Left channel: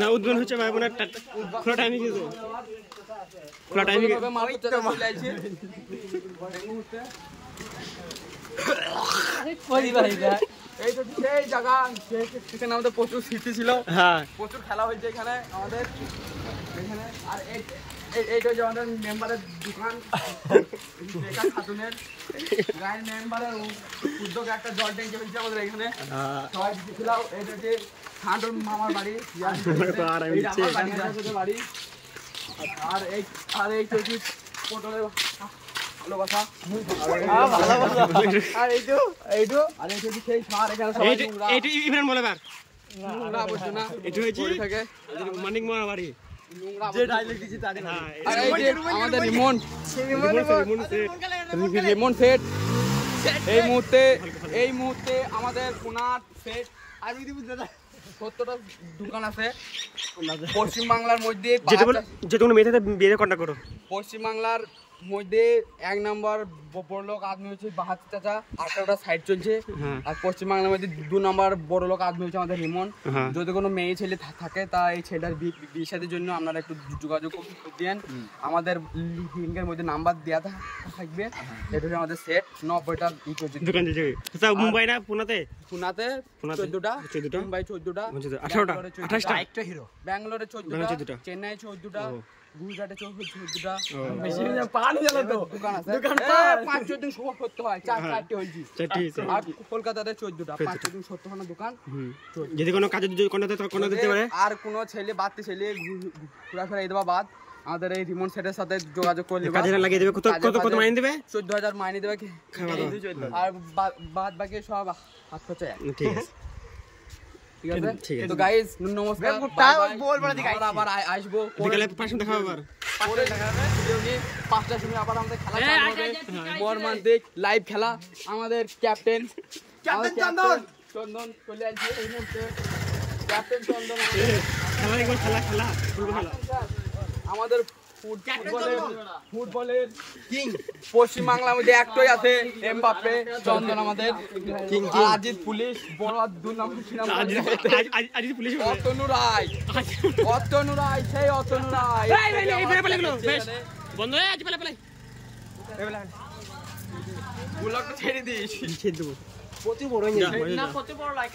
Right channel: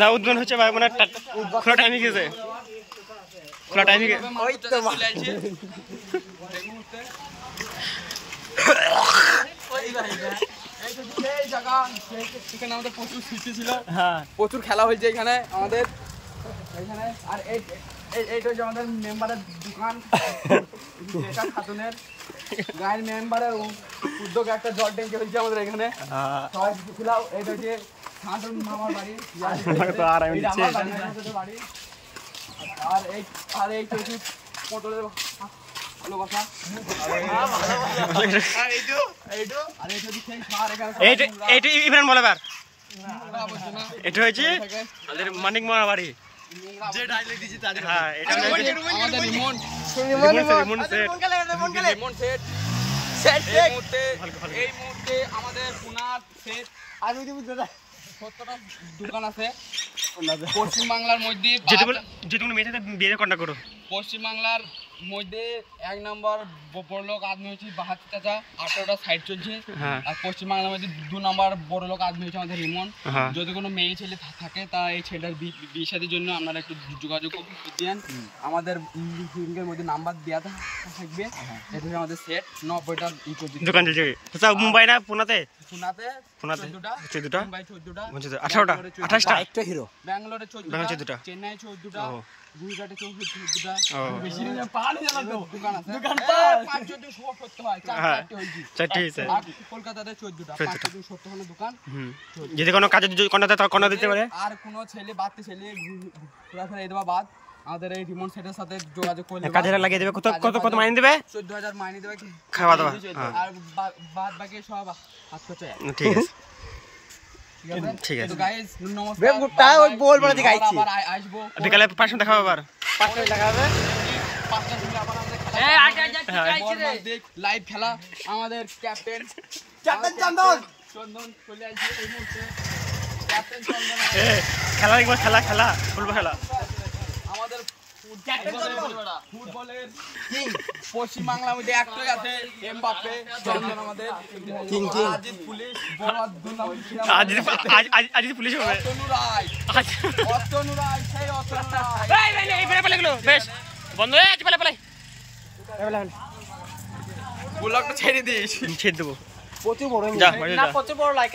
না উদ্বোধন হচ্ছে ভাই মানে খোলা টাইমে গেছে খোলা টাইমে এখানে আমাদের প্রচুর স্মৃতি ছিল, প্রচুর খেলা হয়েছে এখানে আমাদের এখানে। আর এইটা হচ্ছে আমাদের মেম্বারের দোকান, খাতুনের গায়ের মেম্বারের উদ্যোগে একটা জল ট্যাঙ্কি হয়েছে আমাদের এখানে, সবাই ছিল। এটা হচ্ছে ঠান্ডুর মামার বাড়ি, বাড়ি। আর এইটা হচ্ছে পটলের ভালোবাসা। এটা হয়েছে মানিক মামার বাড়ি। আমাদের রিমোট সেট এই মুহূর্তে আমাদের পুনার সেট 70টা দোকান আছে পশ্চিমবাংলার মধ্যে। যেটুকু মেয়ে বিয়ে কন্ট্যাক্ট করো। পশ্চিমবাংলার মধ্যে 1 নম্বর বড়লোক আদমি হচ্ছে বাহাতি চাচা, 18টা সাইড চলছে। আর পশ্চিমবাংলার মধ্যে 2 নম্বর বড়লোক আদমি হচ্ছে আমাদের রিমন। যদি কোনো মেয়ে ছেলে থাকে তা এই ছেলেটার বিয়ে শাদীর জন্য আপনারা একটু যোগাযোগ দেন, আমাদের লিঙ্কের মধ্যে নাম্বার দেওয়া থাকবে। এটা হচ্ছে আমাদের সেট 90টা দোকান চলছে। মুম্বাই না পুনাতে? পুনাতে 14টা, 14টা, মুম্বাই 14টা, 18টা, 28টা, একটা হিরো, ব্যাঙ্গালোরে 14টা, চেন্নাই 14টা, গুজরাটে 14টা। বেশি না পানি জানা তো দোকান 5-14 সব করতে হয়, 4-4টি হইছে, 4টি হইছে। আর কলকাতাতে 14টা, 5-14 দোকান। যদি কোনো কাজে কোনাতে তো কোনা দিতে পারে। আর কোন ছেলে বাড়তে ছেলে ঘোরাফেরা এই দেবা বাদ আমাদের এই রিমোট সেটের সাথে যোগাযোগ করলে কাজে লাগিয়ে দেবে। কত মাইনে দেবে? 14000 মাইনে দেবে, খাওয়া দাওয়া আর বাদ বাকি সব হাত খরচা। ঠিক আছে ঠিক আছে। তো গাইস নমস্কার, আবার আসবো বিকালে পাঁচটা দেখাবো, আবার পরে দেখাবে। 5টার সময় আবার আমাদের খেলা বর্মান্তিক লাইভ খেলা। আমাদের ক্যাপ্টেন চন্দন চলে আসছে। ক্যাপ্টেন চন্দন খেলা দেখবো, খেলা ফুটবল খেলা। আমাদের ফুটবলের কিং পশ্চিমবাংলার মধ্যে একটাই আছে, এমবাপ্পে। চন্দন আমাদের কিং আজিজ পুলিশ, বড় দুর্নাম আজিজ পুলিশ হবে। অতনু রায় সেই অতনু রায়। এই পেলে গেলো বেশ বন্ধ হয়ে আছে। পেলে ব্লগটা ছেড়ে দিস, ছেড়ে দেবো। প্রচুর বড় লাইক